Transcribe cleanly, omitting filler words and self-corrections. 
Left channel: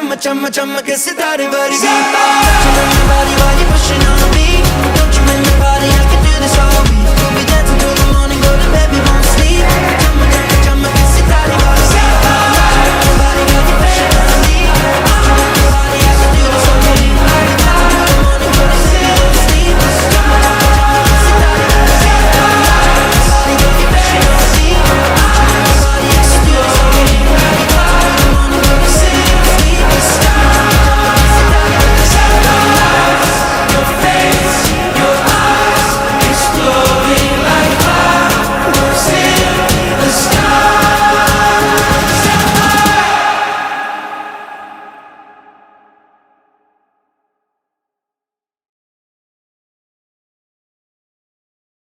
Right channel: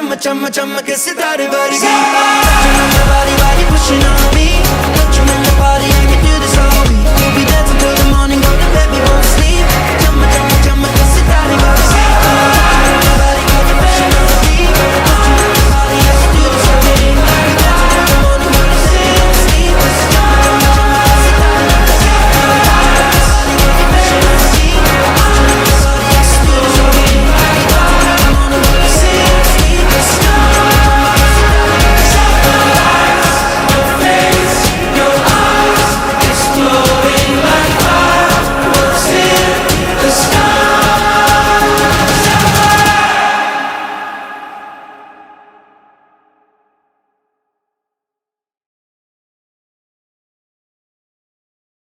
chumma chumma chumma ke sitare vargi. Touching on your body while you're pushing on me. Don't you in the party, I can do